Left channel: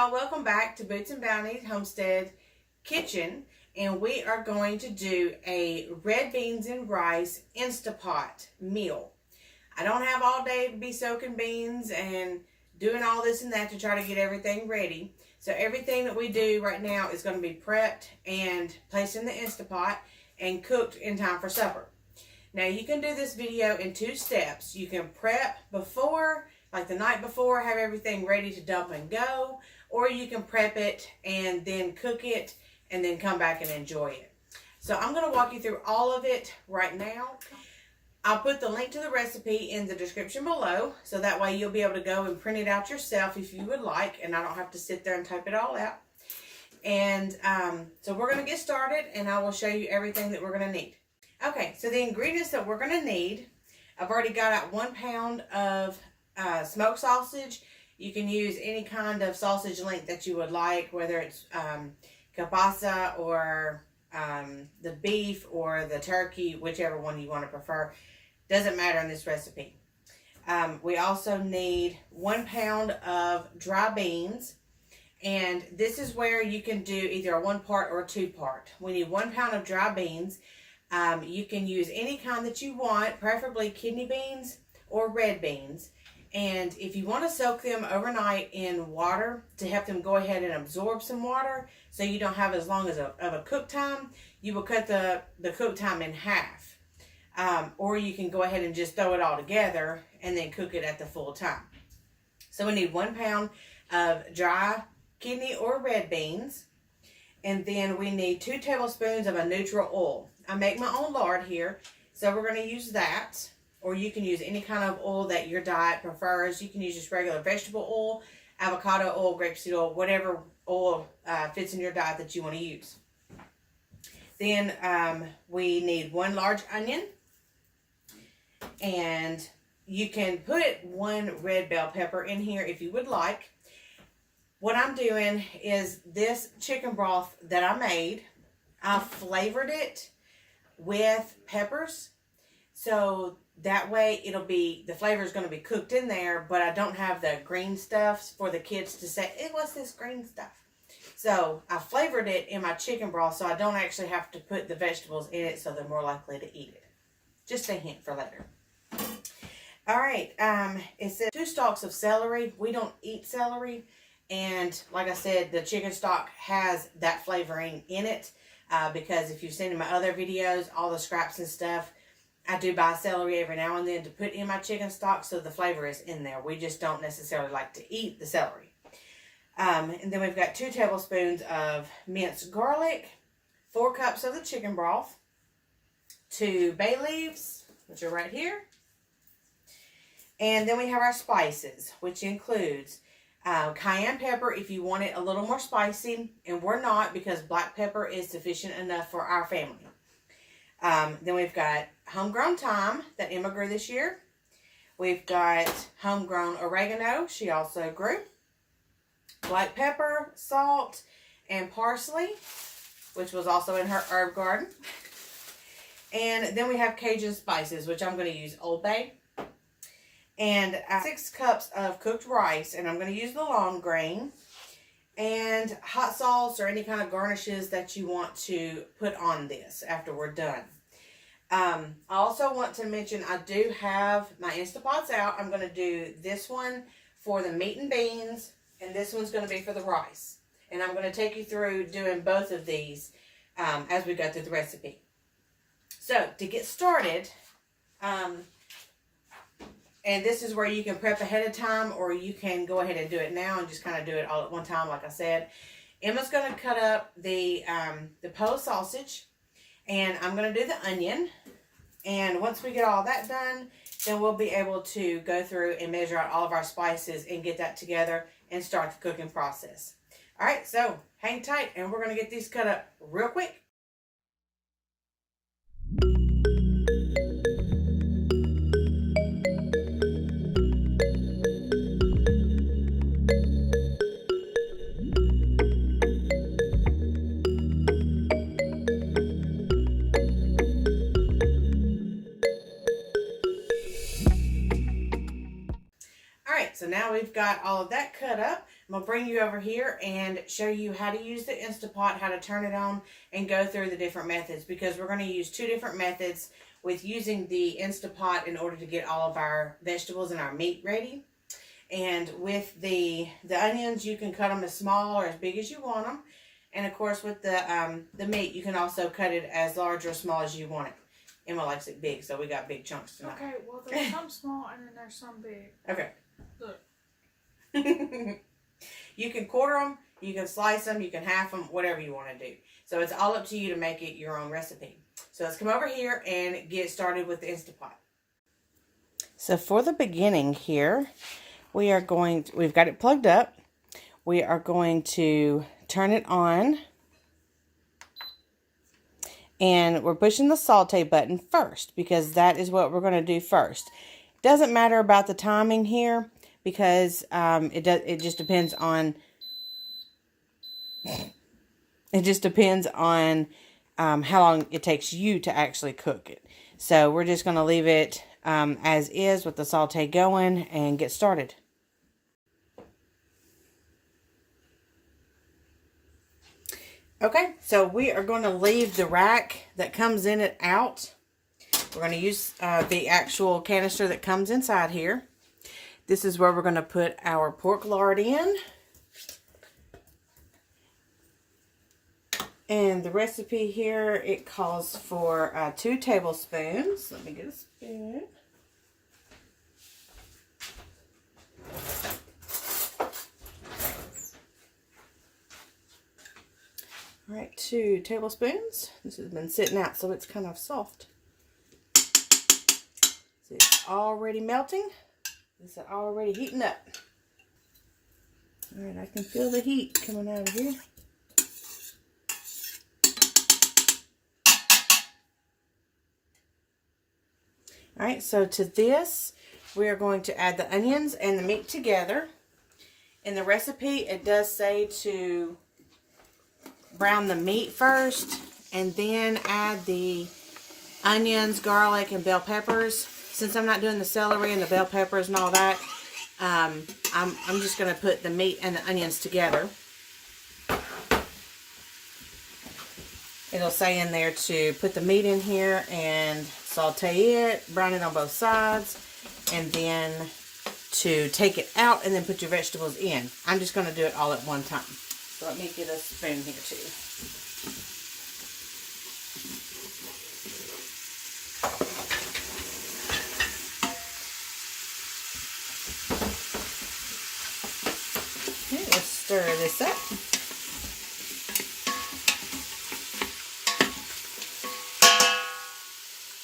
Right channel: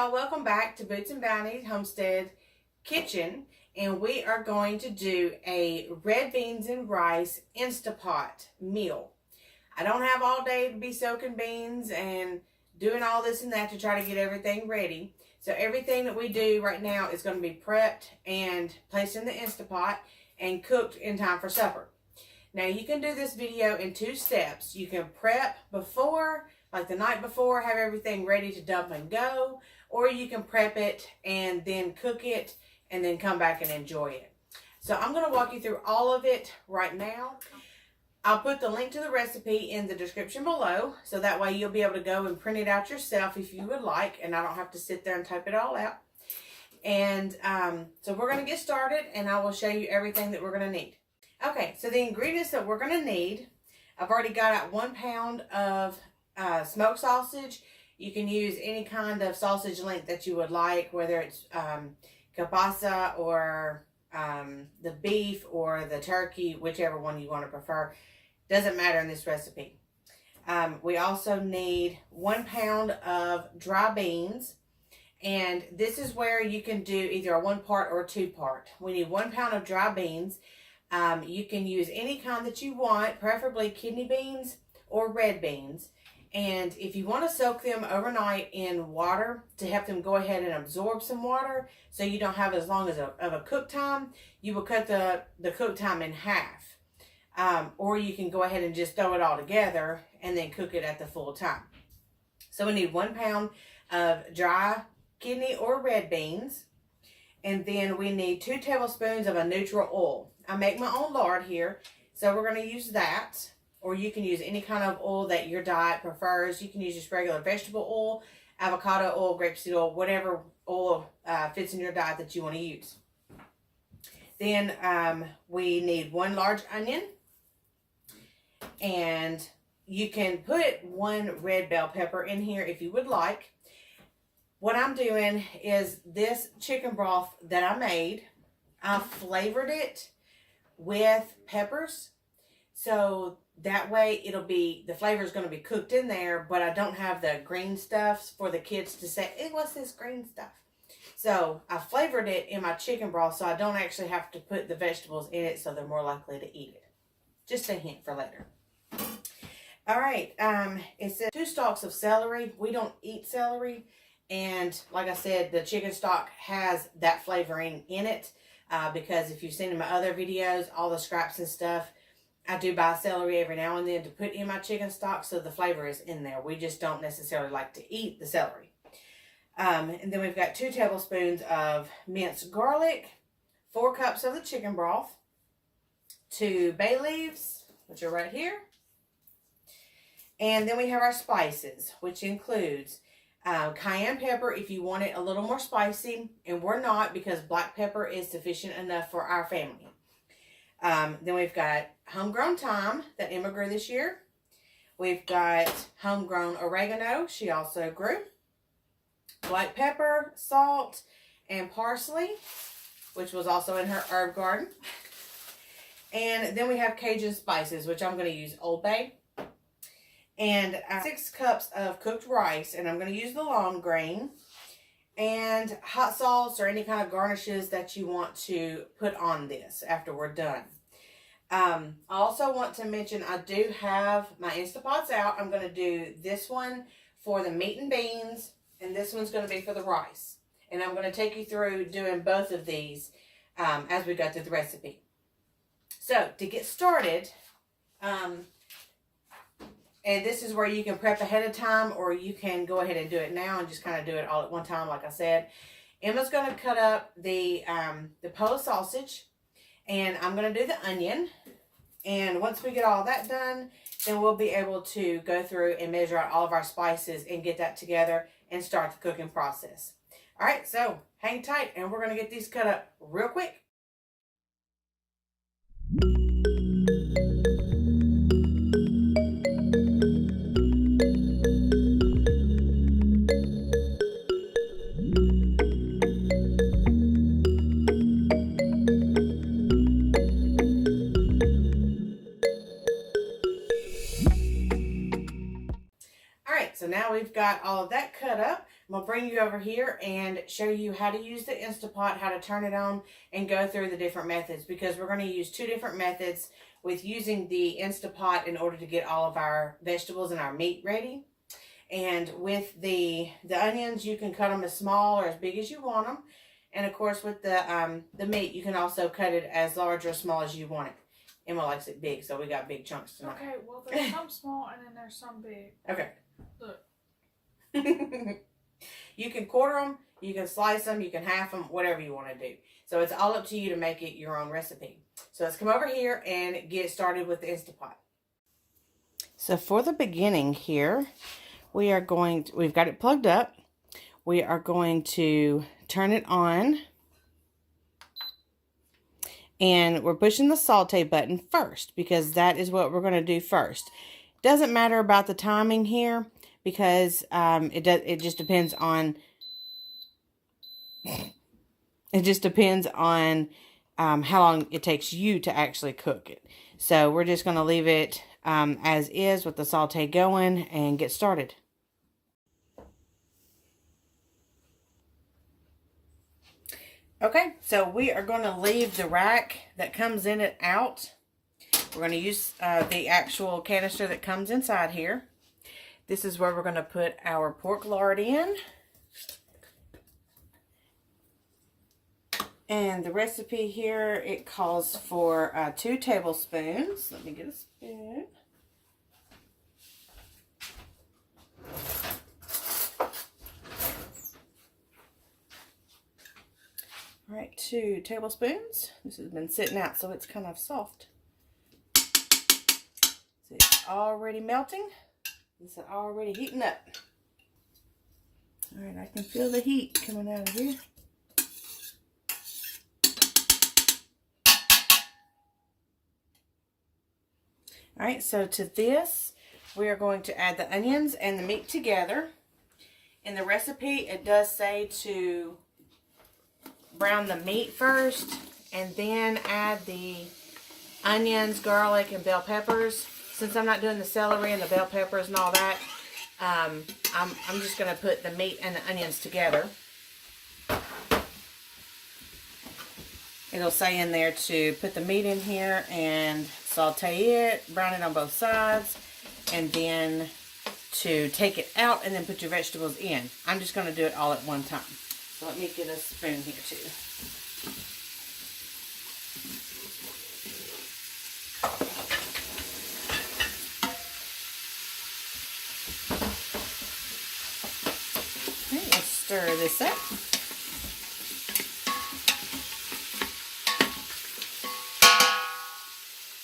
y'all, welcome back to Boots and Bounty Homestead Kitchen, and we are going to do a red beans and rice Instapot meal. I don't have all day to be soaking beans and doing all this and that to try to get everything ready. So everything that we do right now is going to be prepped and placed in the Instapot and cooked in time for supper. Now you can do this video in two steps. You can prep before, like the night before, have everything ready to dump and go, or you can prep it and then cook it and then come back and enjoy it. So I'm going to walk you through all of it right now. I'll put the link to the recipe in the description below, so that way you'll be able to go and print it out yourself if you would like, and I don't have to sit there and type it all out. And so we're going to get started, and I will show you everything that we're going to need. Okay, so the ingredients that we're going to need, I've already got out 1 pound of smoked sausage. You can use any kind of sausage length that you would like, whether it's kielbasa or the beef or the turkey, whichever one you want to prefer. Doesn't matter in this recipe. We also need 1 pound of dry beans, and this is where you can do either a 1 part or a 2 part. We need 1 pound of dry beans. You can use any kind that you want, preferably kidney beans or red beans. And if you want to soak them overnight in water to help them go ahead and absorb some water so you don't have as long as of a cook time, you will cut the cook time in half. Or you can go ahead and just throw it all together and then cook it at the full time. So we need 1 pound of dry kidney or red beans. And then we need 2 tablespoons of a neutral oil. I make my own lard here, so we're going to use that. Or you can use any kind of oil that your diet prefers. You can use just regular vegetable oil, avocado oil, grapeseed oil, whatever oil fits in your diet that you want to use. Then we need 1 large onion. And you can put 1 red bell pepper in here if you would like. What I'm doing is this chicken broth that I made, I flavored it with peppers. So that way it'll be, the flavor is going to be cooked in there, but I don't have the green stuff for the kids to say, "Hey, what's this green stuff?" So I flavored it in my chicken broth so I don't actually have to put the vegetables in it, so they're more likely to eat it. Just a hint for later. All right, it says 2 stalks of celery. We don't eat celery. And like I said, the chicken stock has that flavoring in it because if you've seen in my other videos, all the scraps and stuff, I do buy celery every now and then to put in my chicken stock, so the flavor is in there. We just don't necessarily like to eat the celery. And then we've got 2 tablespoons of minced garlic, 4 cups of the chicken broth, 2 bay leaves, which are right here. And then we have our spices, which includes cayenne pepper if you want it a little more spicy, and we're not, because black pepper is sufficient enough for our family. Then we've got homegrown thyme that Emma grew this year. We've got homegrown oregano, she also grew. Black pepper, salt, and parsley, which was also in her herb garden. And then we have Cajun spices, which I'm going to use Old Bay. And 6 cups of cooked rice, and I'm going to use the long grain. And hot sauce or any kind of garnishes that you want to put on this after we're done. I also want to mention I do have my Instapots out. I'm going to do this one for the meat and beans, and this one's going to be for the rice. And I'm going to take you through doing both of these as we go through the recipe. So to get started, and this is where you can prep ahead of time, or you can go ahead and do it now and just kind of do it all at one time, like I said. Emma's going to cut up the pole sausage, and I'm going to do the onion. And once we get all that done, then we'll be able to go through and measure out all of our spices and get that together and start the cooking process. All right, so hang tight, and we're going to get these cut up real quick. So now we've got all of that cut up. I'm going to bring you over here and show you how to use the Instapot, how to turn it on, and go through the different methods, because we're going to use 2 different methods with using the Instapot in order to get all of our vegetables and our meat ready. And with the onions, you can cut them as small or as big as you want them. And of course, with the meat, you can also cut it as large or small as you want it. Emma likes it big, so we got big chunks tonight. Okay, well, there's some small and then there's some big. Okay. Look. You can quarter them, you can slice them, you can half them, whatever you want to do. So it's all up to you to make it your own recipe. So let's come over here and get started with the Instapot. So for the beginning here, we've got it plugged up. We are going to turn it on. And we're pushing the saute button first, because that is what we're going to do first. Doesn't matter about the timing here, because it just depends on how long it takes you to actually cook it. So we're just going to leave it as is with the saute going and get started. Okay, so we are going to leave the rack that comes in it out. We're going to use the actual canister that comes inside here. This is where we're going to put our pork lard in. And the recipe here, it calls for 2 tablespoons. Let me get a spoon. All right, 2 tablespoons. This has been sitting out, so it's kind of soft. See, it's already melting. This is already heating up. All right, I can feel the heat coming out of here. All right, so to this, we are going to add the onions and the meat together. In the recipe, it does say to brown the meat first and then add the onions, garlic, and bell peppers. Since I'm not doing the celery and the bell peppers and all that, I'm just going to put the meat and the onions together. It'll say in there to put the meat in here and saute it, brown it on both sides, and then to take it out and then put your vegetables in. I'm just going to do it all at one time. So let me get a spoon here too. Okay, let's stir this up.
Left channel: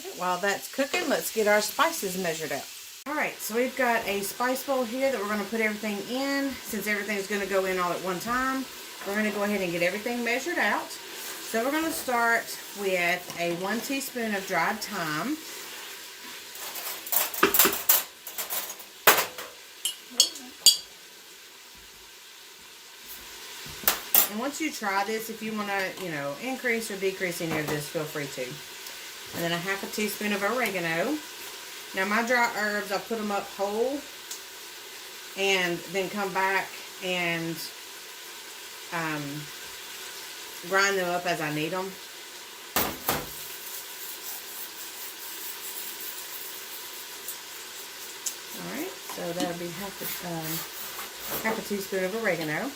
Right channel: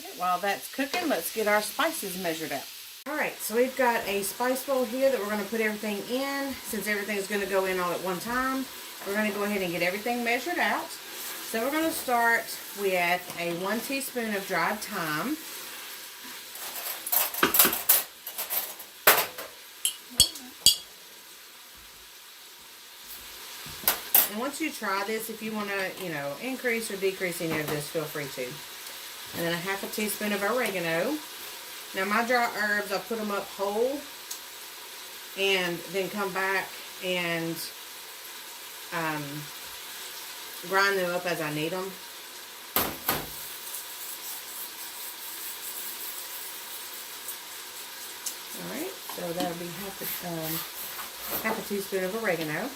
Okay, while that's cooking, let's get our spices measured up. Alright, so we've got a spice bowl here that we're going to put everything in. Since everything's going to go in all at one time, we're going to go ahead and get everything measured out. So we're going to start with a 1 teaspoon of dried thyme. And once you try this, if you want to, increase or decrease any of this, feel free to. And then a 1/2 teaspoon of oregano. Now my dry herbs, I'll put them up whole and then come back and grind them up as I need them. Alright, so that'll be half a teaspoon of oregano,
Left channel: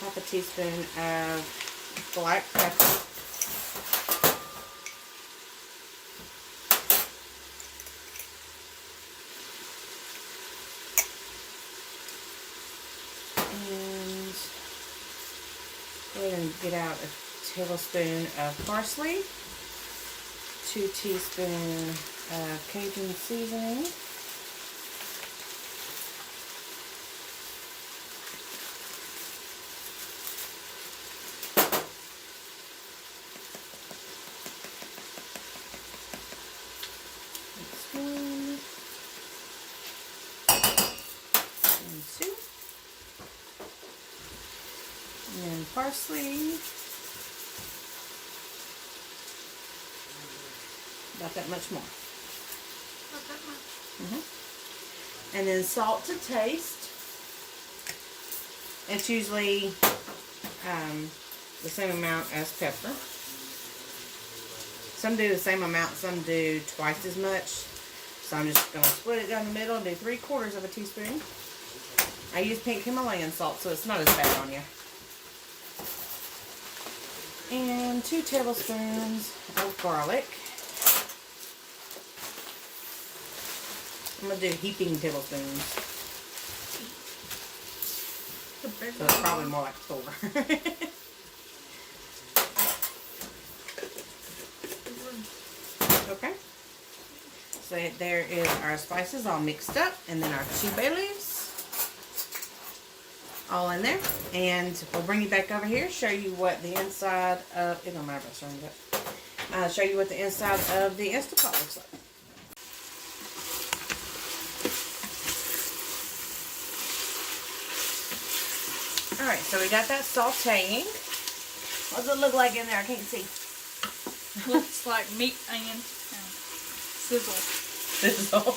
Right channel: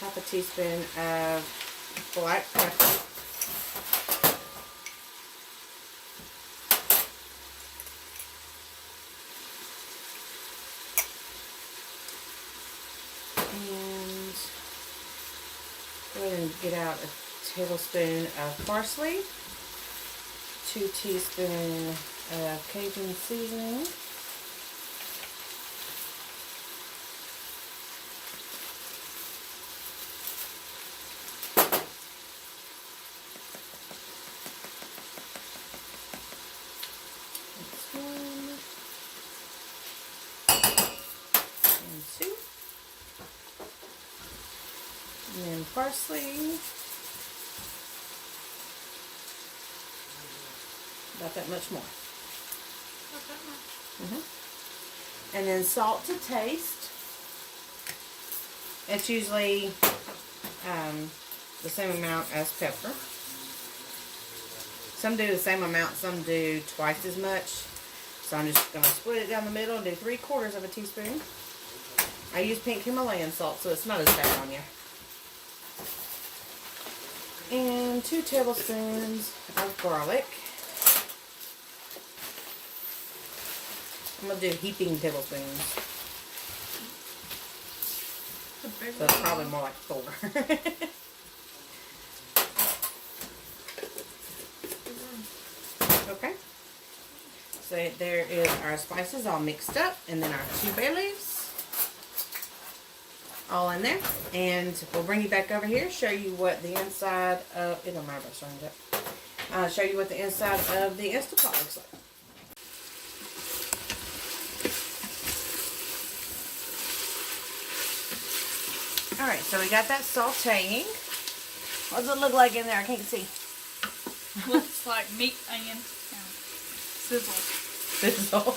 1/2 teaspoon of black pepper, and go ahead and get out a tablespoon of parsley, 2 teaspoons of Cajun seasoning, and then parsley, about that much more. Not that much. And then salt to taste. It's usually the same amount as pepper. Some do the same amount, some do twice as much. So I'm just going to split it down the middle and do 3/4 of a teaspoon. I use pink Himalayan salt, so it's not as bad on you. And 2 tablespoons of garlic. I'm going to do heaping tablespoons. So it's probably more like 4. Okay. So there is our spices all mixed up, and then our 2 bay leaves all in there. And we'll bring you back over here, show you what the inside of, it don't matter if I stirring it up, show you what the inside of the Instapot looks like. Alright, so we got that sauteing. What does it look like in there? I can't see. Looks like meat and sizzle. Sizzle.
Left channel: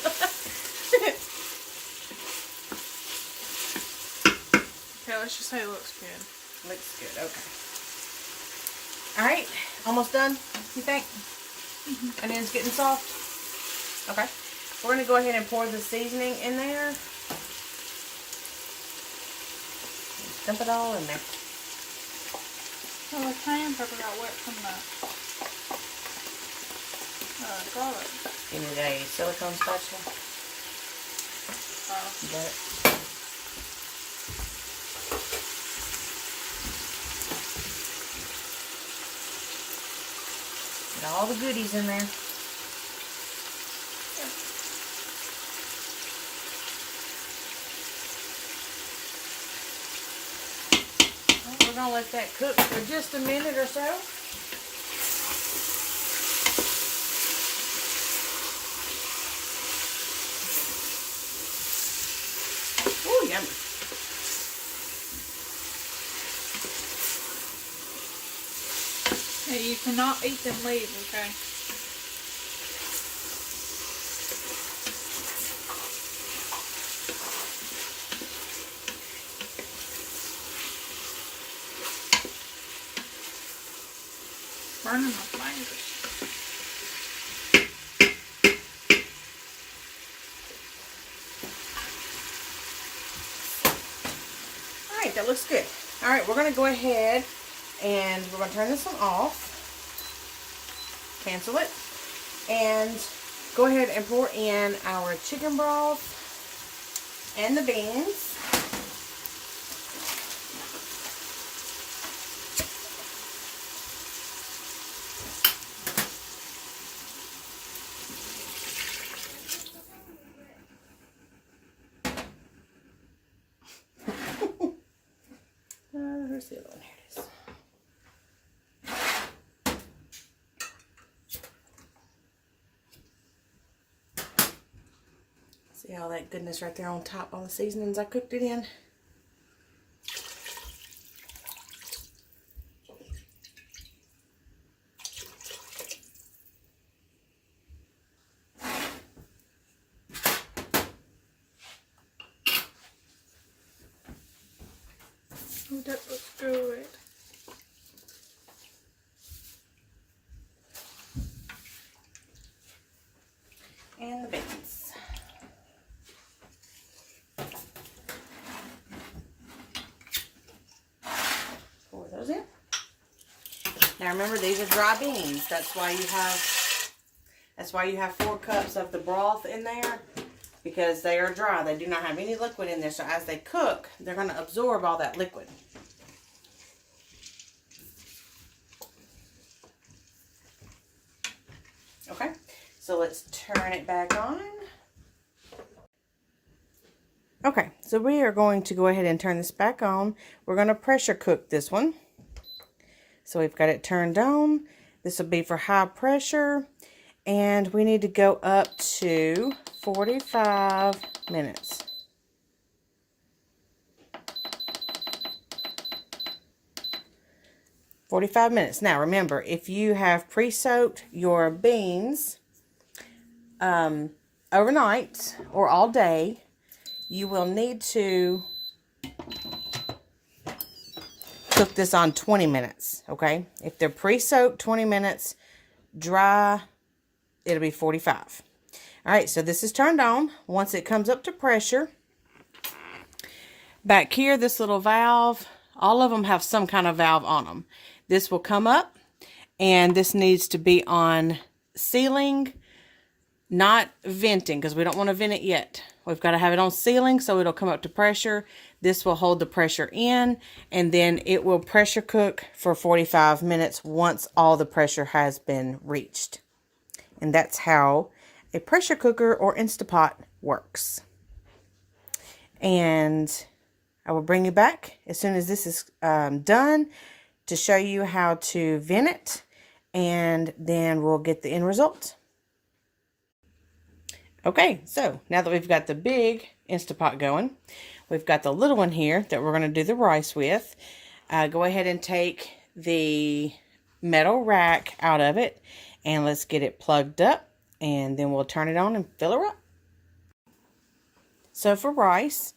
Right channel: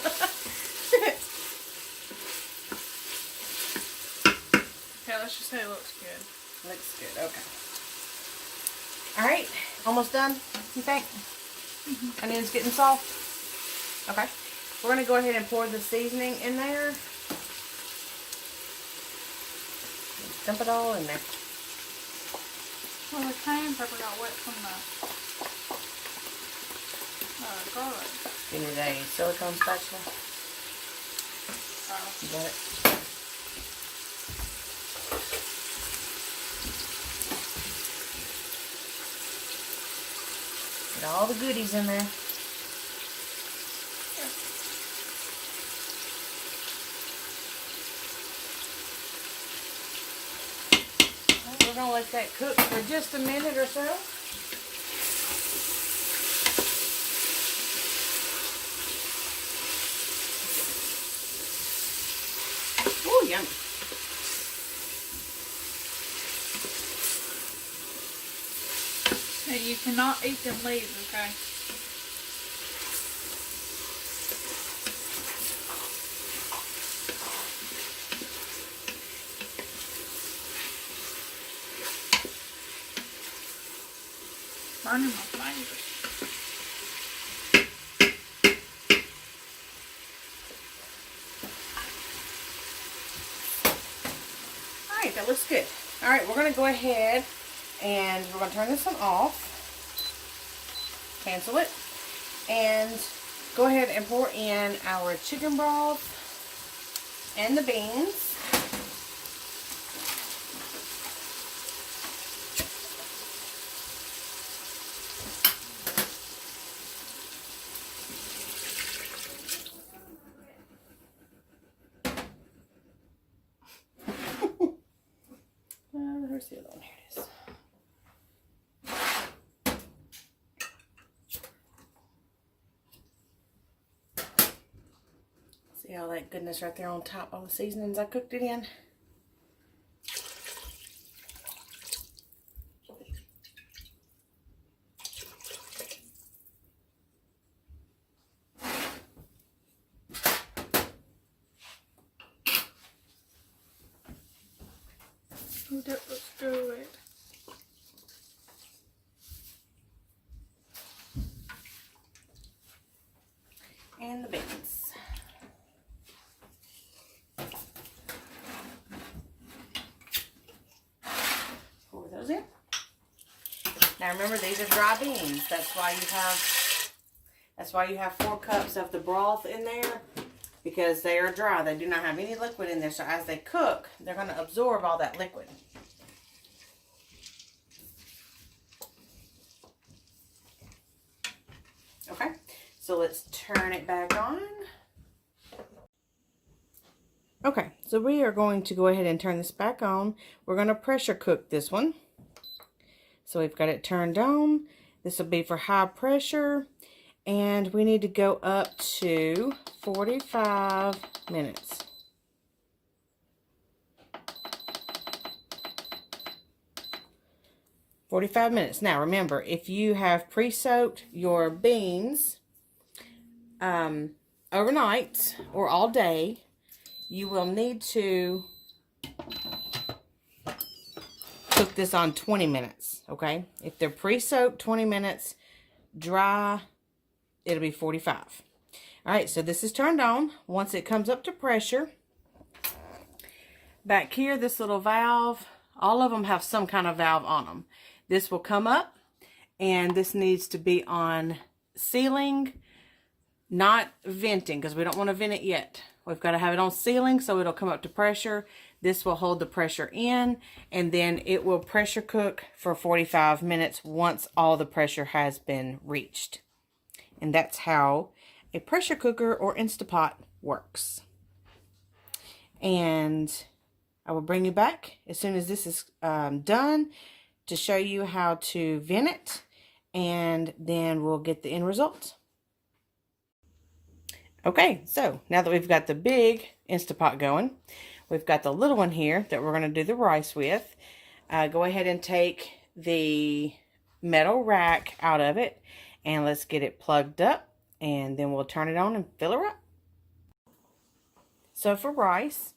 Okay, let's just say it looks good. Looks good, okay. Alright, almost done, you think? And then it's getting soft? Okay. We're going to go ahead and pour the seasoning in there. Dump it all in there. Well, the cayenne pepper got wet from the garlic. You need a silicone spatula? You got it? Got all the goodies in there. We're going to let that cook for just a minute or so. Ooh, yummy. Hey, you cannot eat them leaves, okay? Burning my fingers. Alright, that looks good. Alright, we're going to go ahead and we're going to turn this one off. Cancel it. And go ahead and pour in our chicken broth and the beans. Where's the other one? Here it is. See all that goodness right there on top, all the seasonings I cooked it in. Oh, that looks good. And the beans. Pour those in. Now remember, these are dry beans. That's why you have 4 cups of the broth in there, because they are dry. They do not have any liquid in there. So as they cook, they're going to absorb all that liquid. Okay, so let's turn it back on. Okay, so we are going to go ahead and turn this back on. We're going to pressure cook this one. So we've got it turned on. This will be for high pressure. And we need to go up to 45 minutes. Now remember, if you have pre-soaked your beans overnight or all day, you will need to cook this on 20 minutes, okay? If they're pre-soaked 20 minutes, dry, it'll be 45. All right, so this is turned on. Once it comes up to pressure, back here, this little valve, all of them have some kind of valve on them. This will come up, and this needs to be on sealing, not venting, because we don't want to vent it yet. We've got to have it on sealing so it'll come up to pressure. This will hold the pressure in, and then it will pressure cook for 45 minutes once all the pressure has been reached. And that's how a pressure cooker or Instapot works. And I will bring you back as soon as this is done to show you how to vent it, and then we'll get the end result. Okay, so now that we've got the big Instapot going, we've got the little one here that we're going to do the rice with. Go ahead and take the metal rack out of it, and let's get it plugged up, and then we'll turn it on and fill her up. So for rice,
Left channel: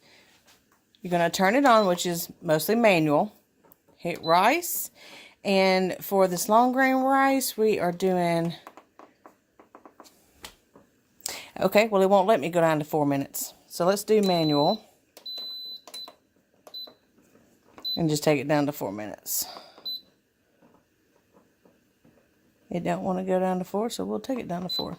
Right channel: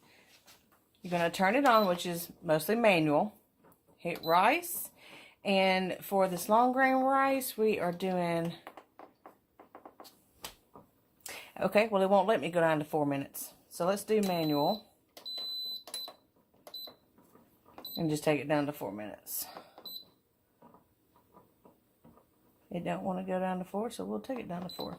you're going to turn it on, which is mostly manual. Hit rice, and for this long grain rice, we are doing... Okay, well, it won't let me go down to 4 minutes. So let's do manual. And just take it down to 4 minutes. It don't want to go down to 4, so we'll take it down to 4.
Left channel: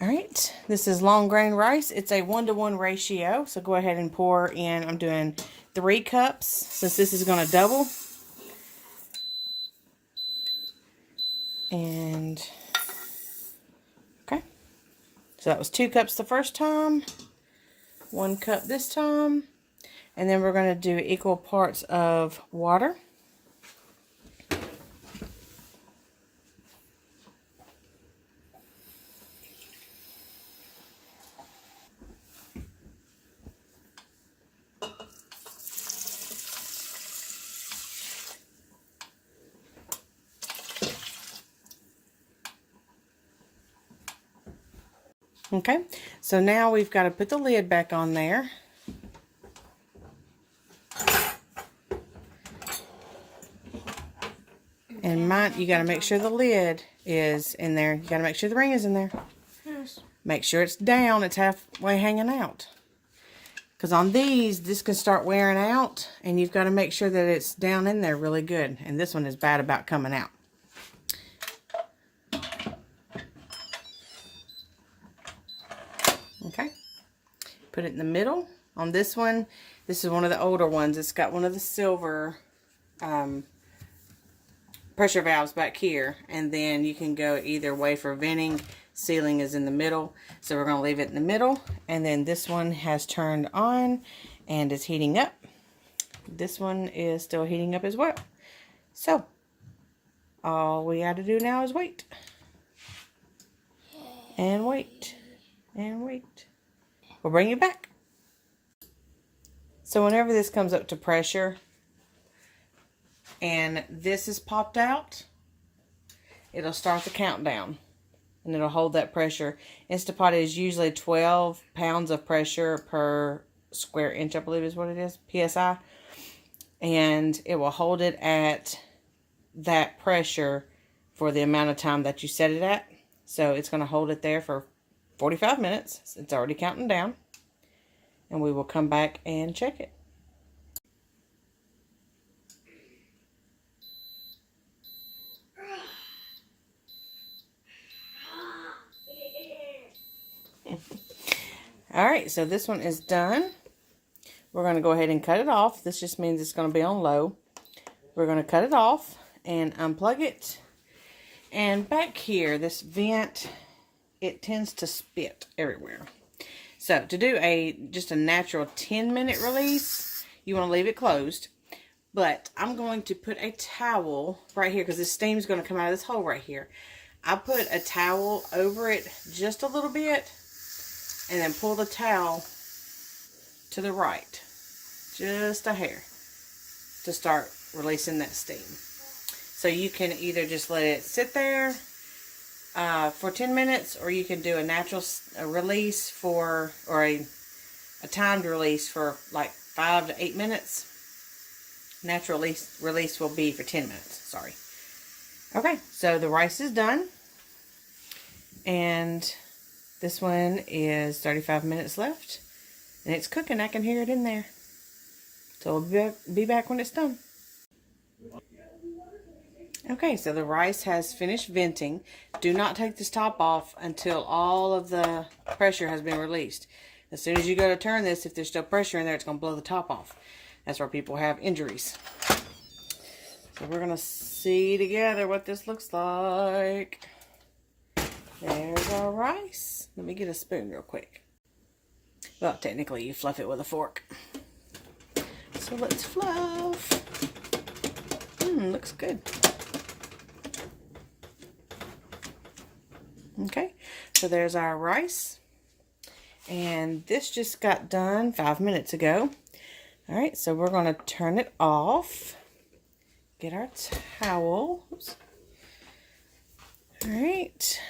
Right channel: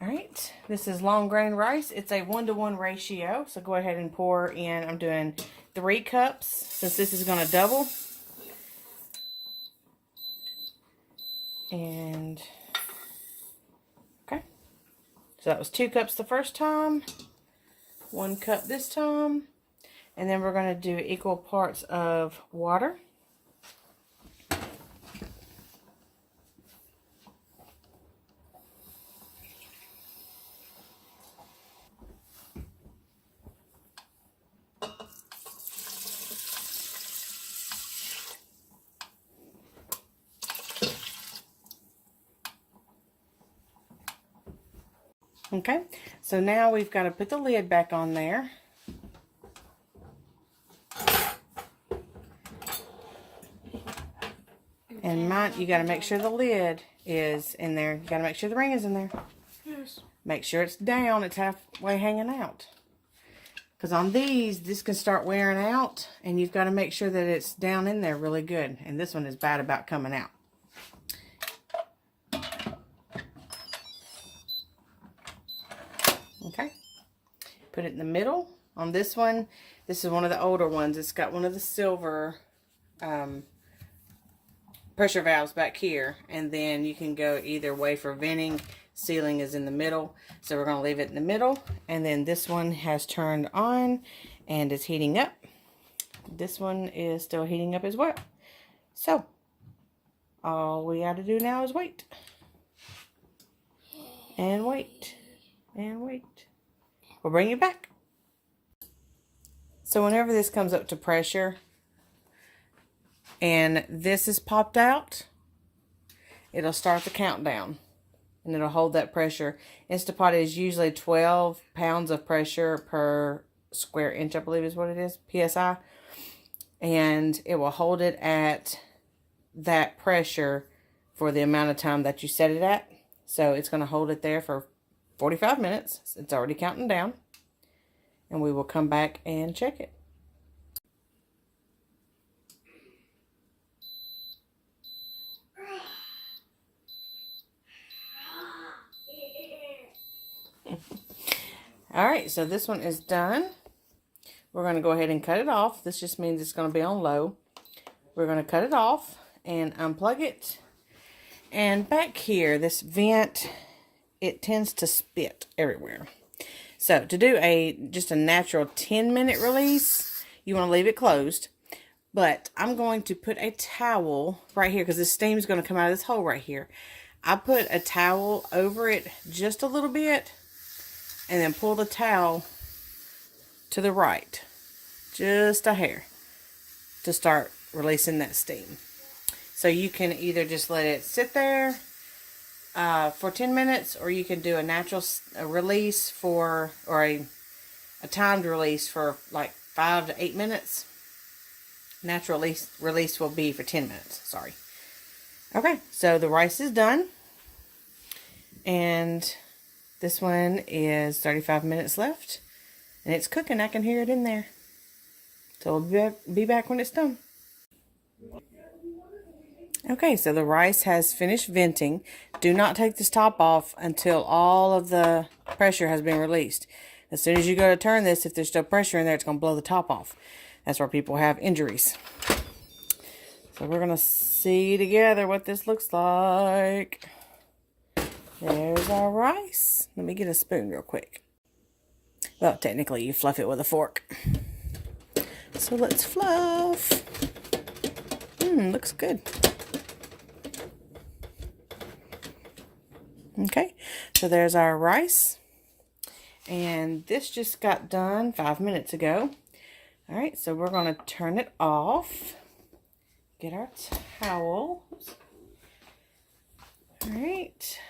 Alright, this is long grain rice. It's a 1-to-1 ratio. So go ahead and pour in, I'm doing 3 cups, since this is going to double. And... so that was 2 cups the first time, 1 cup this time, and then we're going to do equal parts of water. Okay, so now we've got to put the lid back on there. And mine, you got to make sure the lid is in there. You got to make sure the ring is in there. Yes. Make sure it's down, it's halfway hanging out. Because on these, this can start wearing out, and you've got to make sure that it's down in there really good. And this one is bad about coming out. Okay, put it in the middle. On this one, this is one of the older ones. It's got one of the silver pressure valves back here, and then you can go either way for venting. Sealing is in the middle, so we're going to leave it in the middle. And then this one has turned on and is heating up. This one is still heating up as well. So all we got to do now is wait and wait and wait. We'll bring you back. So whenever this comes up to pressure and this is popped out, it'll start the countdown and it'll hold that pressure. Instapot is usually 12 pounds of pressure per square inch, I believe is what it is, PSI. And it will hold it at that pressure for the amount of time that you set it at. So it's going to hold it there for 45 minutes. It's already counting down. And we will come back and check it. Alright, so this one is done. We're going to go ahead and cut it off. This just means it's going to be on low. We're going to cut it off and unplug it. And back here, this vent, it tends to spit everywhere. So to do just a natural 10-minute release, you want to leave it closed. But I'm going to put a towel right here because the steam is going to come out of this hole right here. I put a towel over it just a little bit and then pull the towel to the right, just a hair, to start releasing that steam. So you can either just let it sit there for 10 minutes, or you can do a natural release for, or a timed release for like 5 to 8 minutes. Natural release will be for 10 minutes. Sorry. Okay, so the rice is done. And this one is 35 minutes left. And it's cooking. I can hear it in there. So we'll be back when it's done. Okay, so the rice has finished venting. Do not take this top off until all of the pressure has been released. As soon as you go to turn this, if there's still pressure in there, it's going to blow the top off. That's where people have injuries. So we're going to see together what this looks like. There's our rice. Let me get a spoon real quick. Well, technically you fluff it with a fork. So let's fluff. Looks good. Okay, so there's our rice. And this just got done 5 minutes ago. All right, so we're going to turn it off. Get our towel. Oops. All right.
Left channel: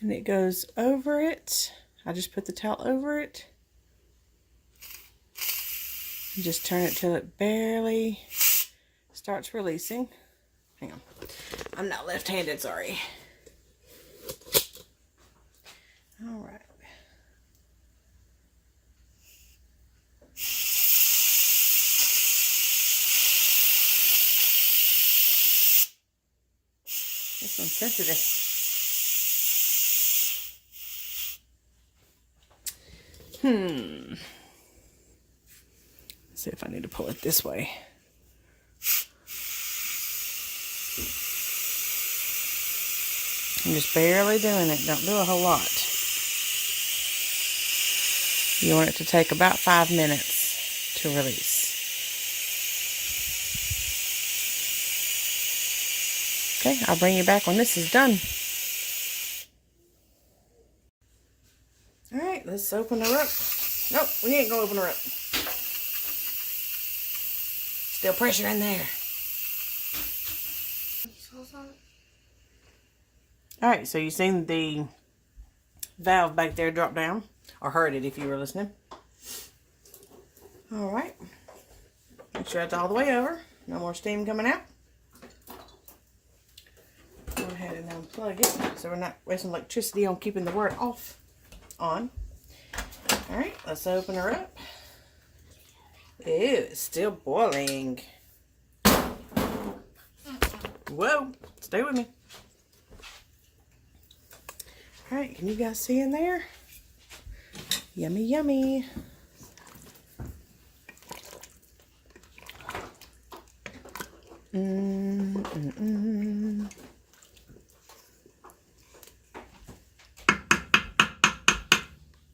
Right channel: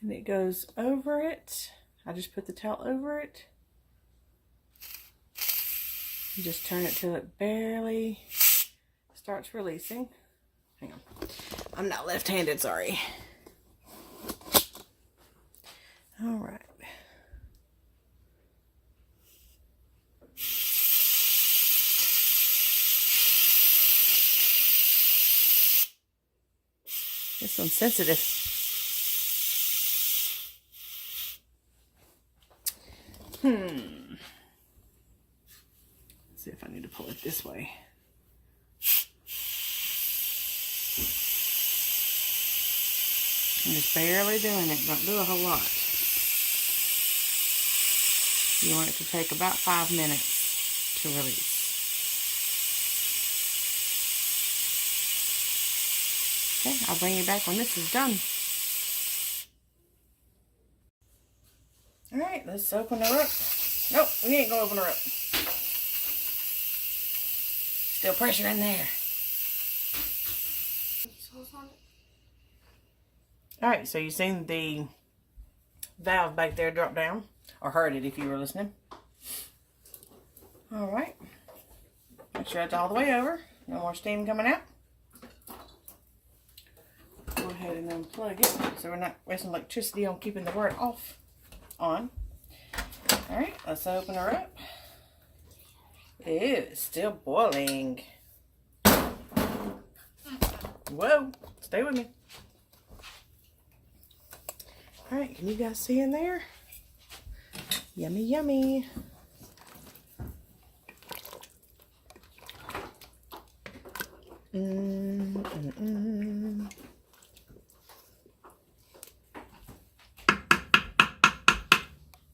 And it goes over it. I just put the towel over it. You just turn it till it barely starts releasing. Hang on. I'm not left-handed, sorry. All right. It's insensitive. Let's see if I need to pull it this way. I'm just barely doing it. Don't do a whole lot. You want it to take about 5 minutes to release. Okay, I'll bring you back when this is done. Alright, let's open her up. Nope, we ain't gonna open her up. Still pressure in there. Alright, so you seen the valve back there drop down. Or heard it if you were listening. Alright. Make sure that's all the way over. No more steam coming out. Go ahead and unplug it so we're not wasting electricity on keeping the water on. Alright, let's open her up. Ew, it's still boiling. Whoa, stay with me. Alright, can you guys see in there? Yummy, yummy.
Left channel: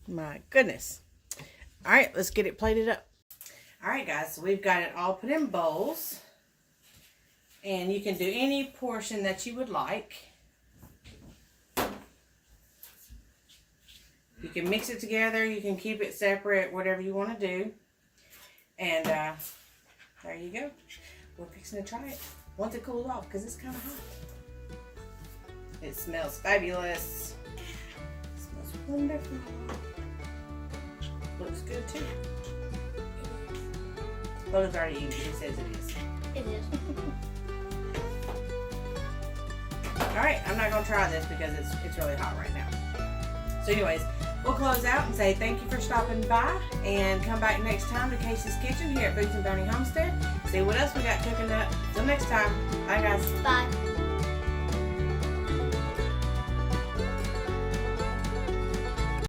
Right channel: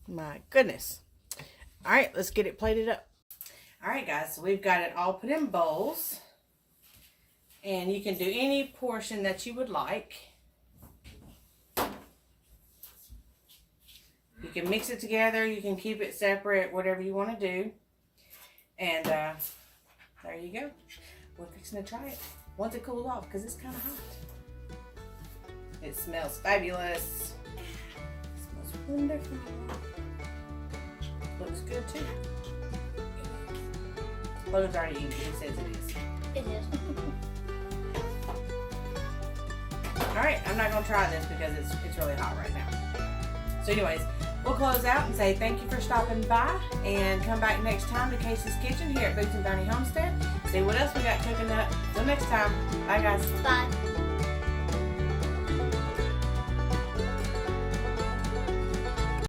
My goodness. All right, let's get it plated up. All right, guys, so we've got it all put in bowls. And you can do any portion that you would like. You can mix it together. You can keep it separate, whatever you want to do. And there you go. We're fixing to try it once it cools off because it's kind of hot. It smells fabulous. It smells wonderful. Looks good too. Logan's already eaten. He says it is. It is. Alright, I'm not going to try this because it's really hot right now. So anyways, we'll close out and say thank you for stopping by and come back next time to Casey's Kitchen here at Boots and Bounty Homestead. See what else we got cooking up. Till next time. Bye guys. Bye.